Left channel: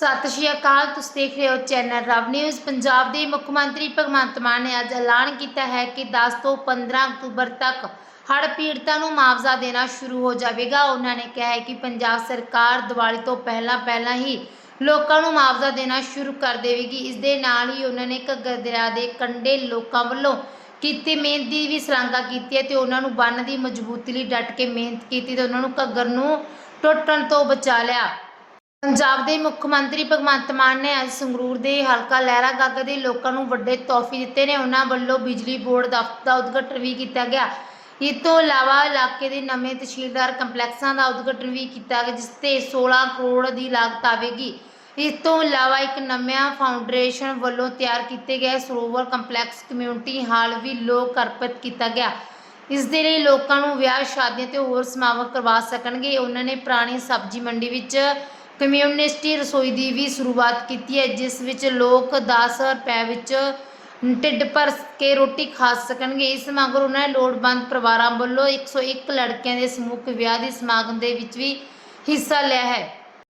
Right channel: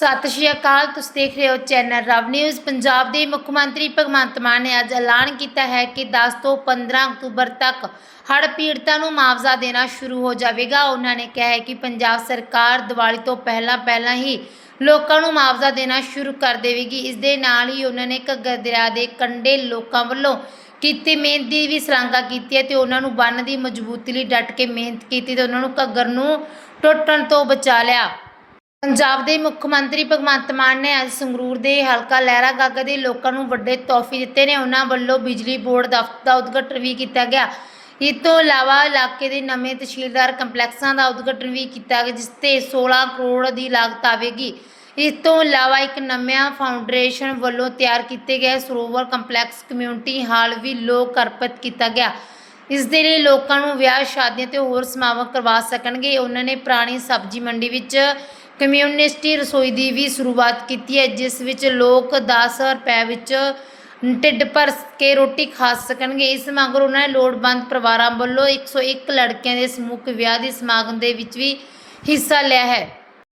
ਸਤਿ ਸ਼੍ਰੀ ਅਕਾਲ, ਤੁਸੀਂ ਦੇਖ ਰਹੇ ਹੋ ਚੈਨਲ ਰਵ ਨਿਊਜ਼। ਪੰਜਾਬ ਦੇ ਮੁੱਖ ਮੰਤਰੀ ਭਗਵੰਤ ਮਾਨ ਨੇ ਅੱਜ ਐਲਾਨ ਕੀਤਾ ਹੈ ਕਿ 10 ਤੋਂ 15 ਅਕਤੂਬਰ ਤੱਕ ਹੜ੍ਹ ਪੀੜਤਾਂ ਨੂੰ ਮੁਆਵਜ਼ਾ ਦੇਣਾ ਸ਼ੁਰੂ ਹੋ ਜਾਵੇਗਾ। ਉਹਨਾਂ ਨੇ ਕਿਹਾ ਹੈ ਕਿ ਪੰਜਾਬ ਸਰਕਾਰ ਦੀਵਾਲੀ ਤੋਂ ਪਹਿਲਾਂ ਪਹਿਲਾਂ ਹੀ ਲੋਕਾਂ ਨੂੰ ਮੁਆਵਜ਼ਾ ਦੇਣਾ ਸ਼ੁਰੂ ਕਰ ਦੇਵੇਗੀ। ਇਸ ਦੇ ਨਾਲ ਹੀ ਉਹਨਾਂ ਨੇ ਘੱਗਰ ਦਰਿਆ ਦੇ ਕੰਢੇ ਲੋਕਾਂ ਵੱਲੋਂ ਕੀਤੀ ਮਿਹਨਤ ਦੀ ਵੀ ਸ਼ਲਾਘਾ ਕੀਤੀ ਹੈ ਤੇ ਉਹਨਾਂ ਨੂੰ ਬੰਨ ਦੀ ਮਜ਼ਬੂਤੀ ਲਈ ਡਟ ਕੇ ਮਿਹਨਤ ਕੀਤੀ ਤੇ ਉਹਨਾਂ ਨੂੰ ਘੱਗਰ ਨੂੰ ਟੁੱਟਣ ਤੋਂ ਬਚਾ ਲਿਆ। ਪੰਜਾਬ ਦੇ ਮੁੱਖ ਮੰਤਰੀ ਭਗਵੰਤ ਮਾਨ ਨੇ ਅੱਜ ਸੰਗਰੂਰ ਦੇ ਹਲਕਾ ਲਹਿਰਾ ਗਾਗਾ ਦੇ ਲੋਕਾਂ ਨੂੰ ਵੱਡੇ ਤੋਹਫੇ ਦਿੱਤੇ ਨੇ। ਉਹਨਾਂ ਵੱਲੋਂ ਬਿਜਲੀ ਬੋਰਡ ਦਫ਼ਤਰ ਦਾ ਉਦਘਾਟਨ ਵੀ ਕੀਤਾ ਗਿਆ। ਇਸ ਤੋਂ ਇਲਾਵਾ ਇਲਾਕੇ ਦੇ ਨਵੇਂ ਤਹਿਸੀਲਦਾਰ ਕੰਪਲੈਕਸਾਂ ਦਾ ਉਦਘਾਟਨ ਵੀ ਕੀਤਾ ਗਿਆ, ਜਿਸ ਤੇ 16 ਕਰੋੜ ਦੀ ਲਾਗਤ ਆਵੇਗੀ। ਇਸ ਤੋਂ ਇਲਾਵਾ ਇੱਕ ਨਵਿਆਂ ਫਾਊਂਡੇਸ਼ਨ ਵੱਲੋਂ ਤਿਆਰ ਕੀਤੇ ਗਏ ਸਰੋਵਰ ਕੰਪਲੈਕਸ ਕਮਿਊਨਿਟੀ ਹਾਲ ਵੀ ਲੋਕ ਅਰਪਿਤ ਕੀਤਾ ਗਿਆ। ਇਸ ਦੇ ਲਈ ਲੋਕਾਂ ਨੂੰ ਵਿਆਹ, ਸ਼ਾਦੀਆਂ ਤੇ ਹੋਰ ਸਮਾਗਮ ਕਰਵਾ ਸਕਣਗੇ। ਉਹਨਾਂ ਨੇ ਪੁਰਾਣੀ ਸਬਜ਼ੀ ਮੰਡੀ ਵਿੱਚ ਕਮਿਊਨਿਸਟੀ ਰਸੋਈ ਦੀ ਵੀ ਸ਼ੁਰੂਆਤ ਕੀਤੀ ਹੈ, ਜਿਸ ਵਿੱਚ ਲੋਕ 10 ਰੁਪਏ ਵਿੱਚ ਢਿੱਡ ਭਰ ਕੇ ਰੋਟੀ ਖਾ ਸਕਣਗੇ। ਇਸ ਮਗਰੋਂ ਉਹਨਾਂ ਨੇ ਲੋੜਵੰਦ ਪਰਿਵਾਰਾਂ ਵੱਲੋਂ 101 ਲੜਕਿਆਂ ਦੇ ਸਮੂਹ ਵਿਆਹ ਦੇ ਸਮਾਗਮ ਦੇ ਵਿੱਚ ਵੀ ਹਿੱਸਾ ਲਿਆ ਹੈ।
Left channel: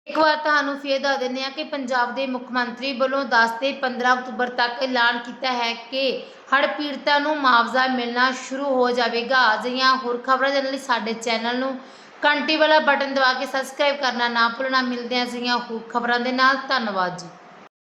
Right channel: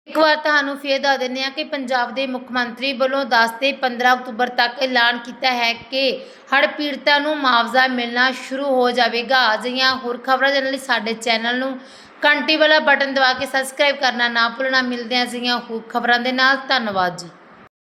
ਇੱਕ ਵਾਰ ਤੁਹਾਨੂੰ ਫੇਰ ਦੱਸ ਦਿੰਦੇ ਹਾਂ ਕਿ ਪੰਜਾਬ ਦੇ ਮੁੱਖ ਮੰਤਰੀ ਵੱਲੋਂ 10 ਤੇ 15 ਅਕਤੂਬਰ ਤੱਕ ਐਲਾਨ ਕੀਤਾ ਹੈ ਕਿ ਹੜ੍ਹ ਪੀੜਤਾਂ ਨੂੰ ਮੁਆਵਜ਼ਾ ਮਿਲਣਾ ਸ਼ੁਰੂ ਹੋ ਜਾਵੇਗਾ। ਅਜਿਹੀਆਂ ਹੋਰ ਖਬਰਾਂ ਜਾਣਨ ਲਈ ਸਾਡੇ ਚੈਨਲ ਨੂੰ ਘੰਟੀ ਵਾਲਾ ਬਟਨ ਦਬਾ ਕੇ ਸਬਸਕ੍ਰਾਈਬ ਕਰਨਾ ਨਾ ਭੁੱਲਣਾ। ਮਿਲਦੇ ਹਾਂ ਅਜਿਹੀਆਂ ਹੋਰ ਖਬਰਾਂ ਦੇ ਨਾਲ। ਧੰਨਵਾਦ ਜੀ।